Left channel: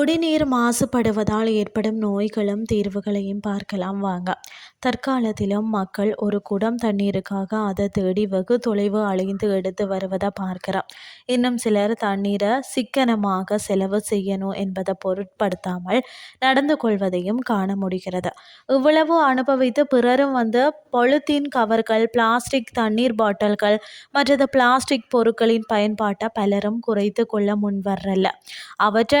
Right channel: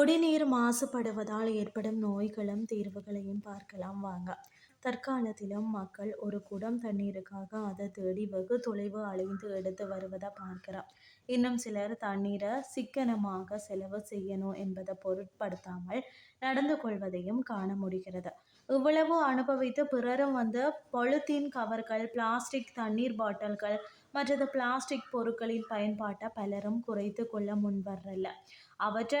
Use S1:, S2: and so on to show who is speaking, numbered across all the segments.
S1: குடிநீர் மாசுபடுவதால் ஏற்படும் நோய்களும் தீர்வுகளையும் பார்க்கலாம் வாங்க. தற்காலத்திலும் மக்கள் ஒரு குடம் தண்ணீருக்காக அதை தேடி வெகு தொலைவு அலைந்து எடுத்து வருவதை பார்க்கிறோம். இன்னும் சிலர் தண்ணீரை சிக்கனமாக செலவு செய்யணும் என்பதை பொருட்படுத்தாமல் நடந்து கொள்வதையும் காண முடிகிறது. இவ்வளவு அனுபவித்து பிறரும் வந்து பொலித்தீன் கவர்கள் பிளாஸ்டிக் தண்ணீர் பாட்டில்கள் மற்றது பிளாஸ்டிக் பொருட்களின் பயன்பாட்டை பலரும் குறைத்து கொள்ள முன்வரல. அவற்றை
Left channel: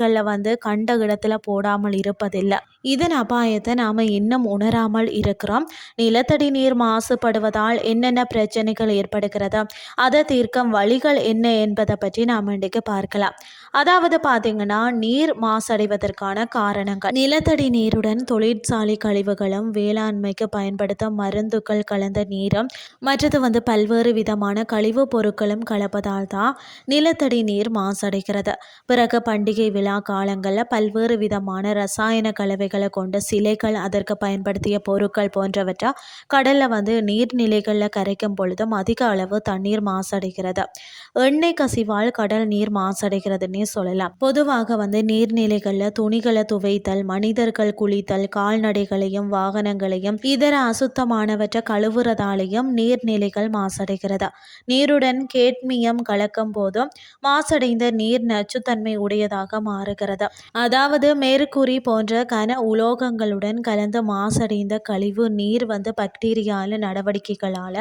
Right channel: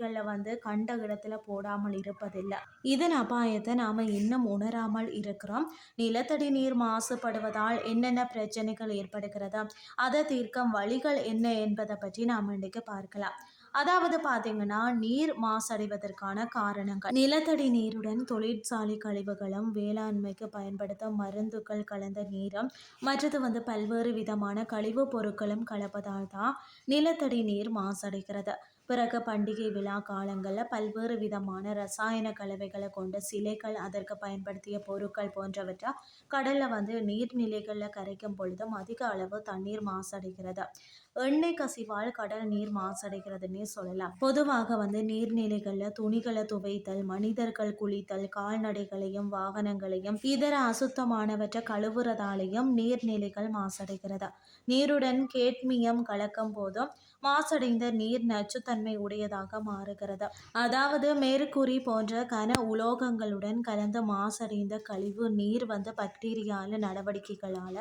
S1: நீர்நிலைகளில் வந்து கண்ட இடத்துல போடாமல் இருப்பதில்லை. இதன் அபாயத்தை நாம் இன்னும் உணராமல் இருக்கிறோம். நிலத்தடி நீர் மாசுபடுவதால் என்னென்ன பிரச்சனைகள் ஏற்படுகிறது? அதை தீர்க்கும் வழிகள் என்ன என்பதை பற்றி நாம் இன்றைக்கு பார்க்கலாம். அதாவது பார்த்தீங்கன்னா நீர் மாசடைவதற்கான காரணங்கள். நிலத்தடி நீருடன் தொழிற்சாலை கழிவுகளும் வேளாண்மைக்கு பயன்படுத்தும் மருந்துகள் கலந்த நீரும் மற்றது வந்து பல்வேறு விதமான கழிவுப் பொருட்களும் கலப்பதால் தான் நிலத்தடி நீர் மாசடைகிறது. பிறகு பண்டிகை விழா காலங்களில் பல்வேறு விதமான ரசாயன கலவைகளை கொண்ட சிலைகள் அதற்கு பயன்படுத்திய பொருட்கள் போன்றவற்றை கடலில் வந்து நீர்நிலைகளில் கரைக்கும் பொழுதும் அதிக அளவு தண்ணீர் மாசடைகிறது. எண்ணெய் கசிவால் கடல் நீர் மாசடைகிறதுன்னே சொல்லலாம். பொதுவாக வந்து நீர்நிலைகளில் துணிகளை துவைத்தல் மனிதர்கள் குளித்தல் கால்நடைகளையும் வாகனங்களையும் இதர அசுத்தமானவற்றை கழுவுறதாலேயும் நீர்நிலைகள் மாசடைகிறது. நீருடன் கேட்மியம் கலக்கும் போதும் மாசடைந்த நீர் நச்சுத்தன்மை உடையதாக மாறுகிறது? அதாவது மேற்கூறி போன்ற கன உலோகங்களுடன் கலந்து மாசடைந்த கழிவு நீர் வந்து பாக்டீரியால நடவடிக்கைகளால்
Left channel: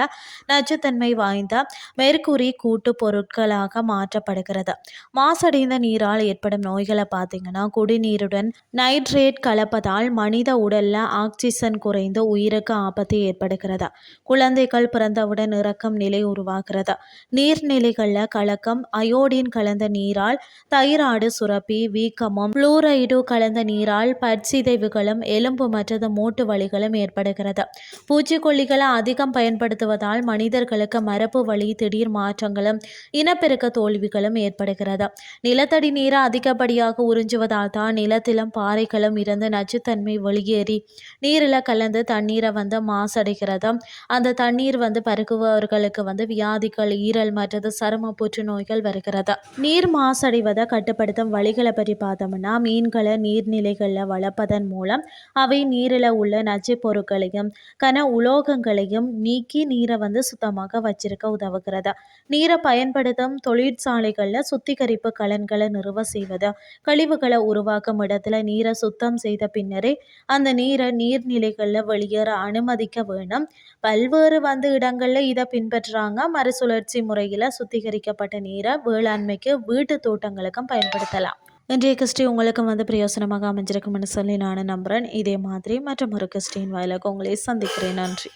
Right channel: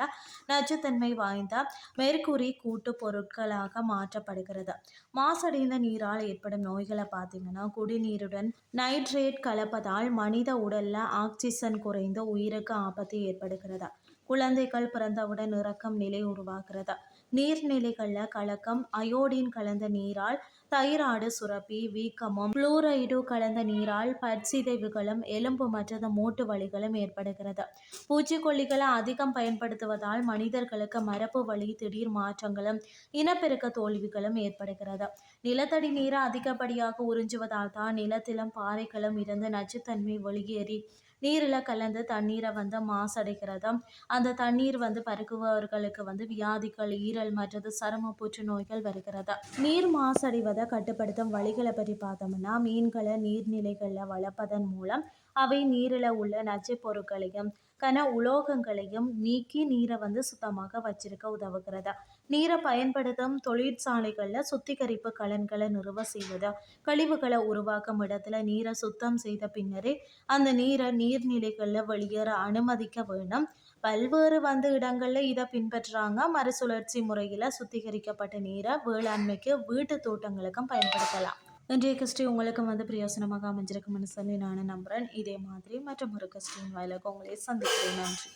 S1: நச்சுத்தன்மை வாய்ந்த மேற்கூறி கூட்டு பொருட்களாக மாற்றப்படுகிறது? மாசடைந்த நீரால் ஏற்படும் நோய்களை பார்த்தீங்கன்னா குடிநீருடன் நைட்ரேட் கலப்பதால் மனித உடல்ல ஆக்சிஜன் குறைந்து உயிருக்கு ஆபத்து ஏற்படுகிறது? குழந்தைகள் பிறந்தவுடன் இறக்கும் நிலை உருவாகிறது? நீர்நிலைகளில் கலக்கம் அயோடின் கலந்த நீரால் தைராய்டு சுரப்பி வீக்கமும். புளூரைடு கலந்த நீரால் பற்சிதைவுகளும் எலும்பு மற்றது மூட்டு வலிகளும் ஏற்படுகிறது. பூச்சிக்கொல்லிகளை அதிகம் பயன்படுத்துவதால் மனிதர்களுக்கு மரபு வழி திடீர் மாற்றங்களும் இனப்பெருக்க தோல்விகளும் ஏற்படுகிறது. நிலத்தடி நீரை அதிகப்படியாக உறிஞ்சுவதால் தான் நிலத்திலும் பாறைகளும் இருந்து நச்சுத்தன்மை வெளியேறி நீரில் கலந்து தண்ணீரை வந்து மாசடைகிறது. அந்த தண்ணீர் வந்து பருகுபவர்களுக்கு வந்து வியாதிகள் ஈரல் மற்றது சரும புற்றுநோய்கள் வருகிறது. நீர் மாசடைவதை கட்டுப்படுத்தும் வழிகளை பற்றி பார்த்தோம்னா மீன்களை நீர்நிலைகளில் வளர்ப்பதன் மூலம் அவை நீரில் உள்ள நச்சு பொருட்களையும் கன உலோகங்களையும் நீக்கி நீரை வந்து சுத்தமாக வச்சிருக்க உதவுகிறது. நீரை பயன்படுத்தும் தொழிற்சாலைகளில் சுத்திகரிப்பு கலன்களை நிறுவ செய்வது கழிவுகளை உருவாக்கும் இடத்துல நீரை சுத்தம் செய்த பின்னரே அந்த நீரை நீர்நிலைகளில் வெளியேற அனுமதிக்க வேணும். பல்வேறு வந்து இடங்களில் இதை பின்பற்றுறாங்க மறுசுழற்சி முறையில் சுத்திகரிக்கப்பட்ட நீரை வேளாண்மைக்கு வீட்டு தோட்டங்களுக்கும் பயன்படுத்தலாம். இன்றைய கிறிஸ்டி உங்களுக்கும் வந்து பிரயோசனமாக அமைஞ்சிருக்கும்னு சொல்லி நான் நம்புகிறேன் இதே மாதிரி மற்றும் ஒரு கிறிஸ்டின் வாயிலாக உங்களை சந்திக்கிறேன். நன்றி.